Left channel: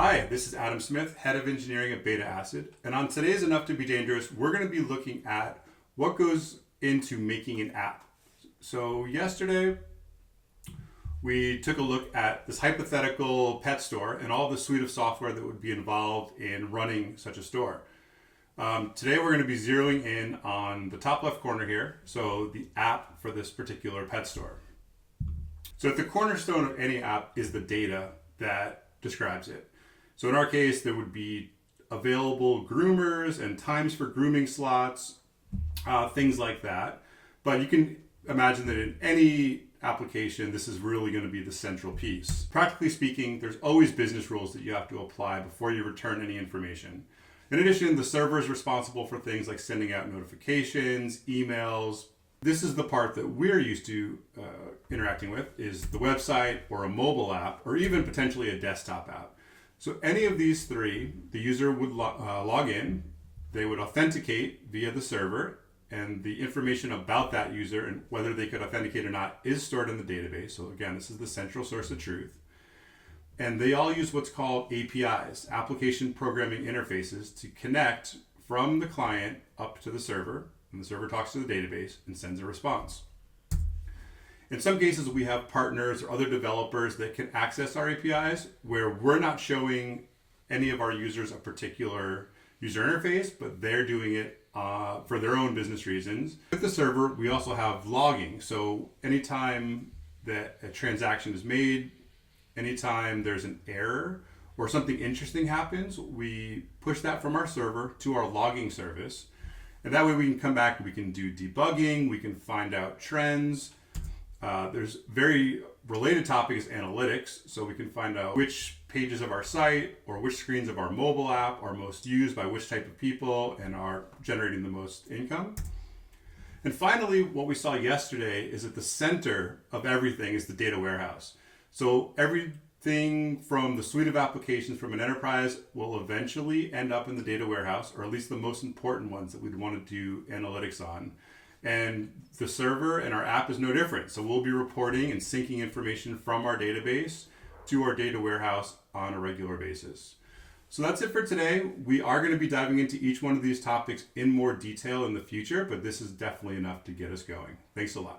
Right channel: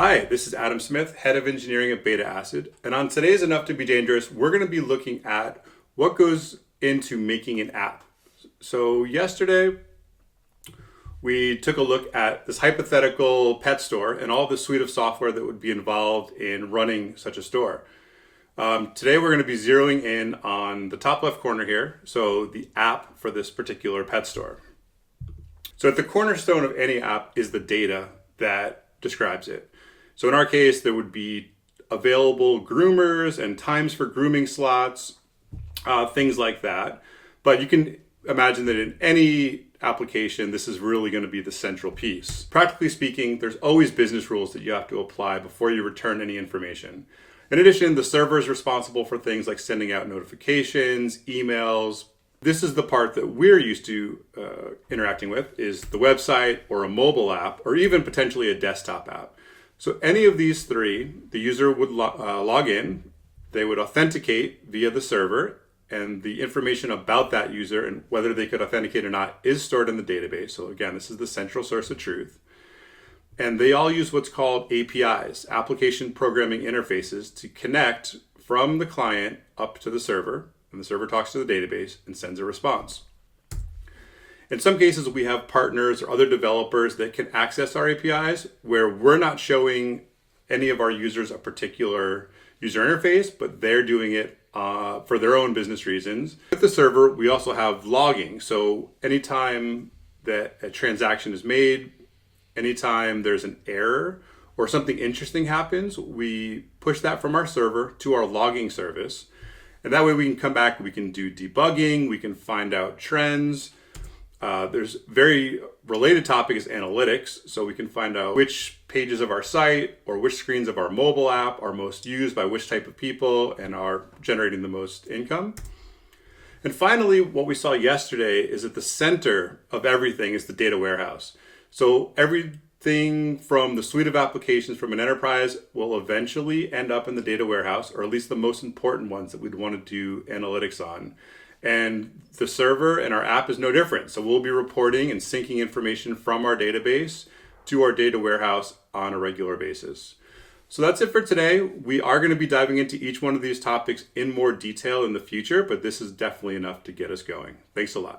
Hi, this is Adam Smith, Head of Engineering at Beta Acid, and on today's Enough to Be Dangerous, we're going to be looking at what goes into making an app. So yesterday, we took a look at this hypothetical pet store and all the suite of software that would be involved in running such a store. Today, we're going to be zeroing in on the top left corner here, so the app for this particular pet store. So at the cornerstone of any app is the data that describes it. So in our case, there would be available groomers and times for grooming slots, things like that. But you can imagine that in any application, this is really going to be the central piece. Practically speaking, there's always business rules that you have to apply before you return any information. In addition, the server is responsible for things like sending out notifications, emails. This is the part that we're used to interacting with, is the website or a mobile app or even potentially a desktop app. So any of these three, the user would log in, they would authenticate via the server, and the information about that user and whether they could authenticate or not is stored in the database. So again, this is the central source of truth. And they all use what's called APIs, application programming interfaces, to connect from the client up to the server, and the server talks to the database and sends a response. In some cases, we have partners or other developers that can access our APIs where we're not showing any of our users a particular user interface, but they're doing it for their own business reasons. With the server, we also have logging. So anytime that a transaction is made, anytime there's an error or something interesting happens, we push that from our server to our logging service. And that way we can come back, we can do debugging, we can find out trends. There's very related topic is analytics. So we can find out which pages of our site or which screens of our mobile app are most used by which type of people and are generating the most income. And finally, what we saw yesterday is at the center of everything is the data warehouse. So everything from the suite of applications from an enterprise will eventually end up in the data warehouse, or at least the most important ones that we'd want to do analytics on. And the server and our app is no different. So we'll be reporting and syncing information from our database to our data warehouse on a regular basis. So that's it for today. We are going to be diving into each one of these topics in more detail in the future, but this is definitely enough to get us going. Thanks a lot.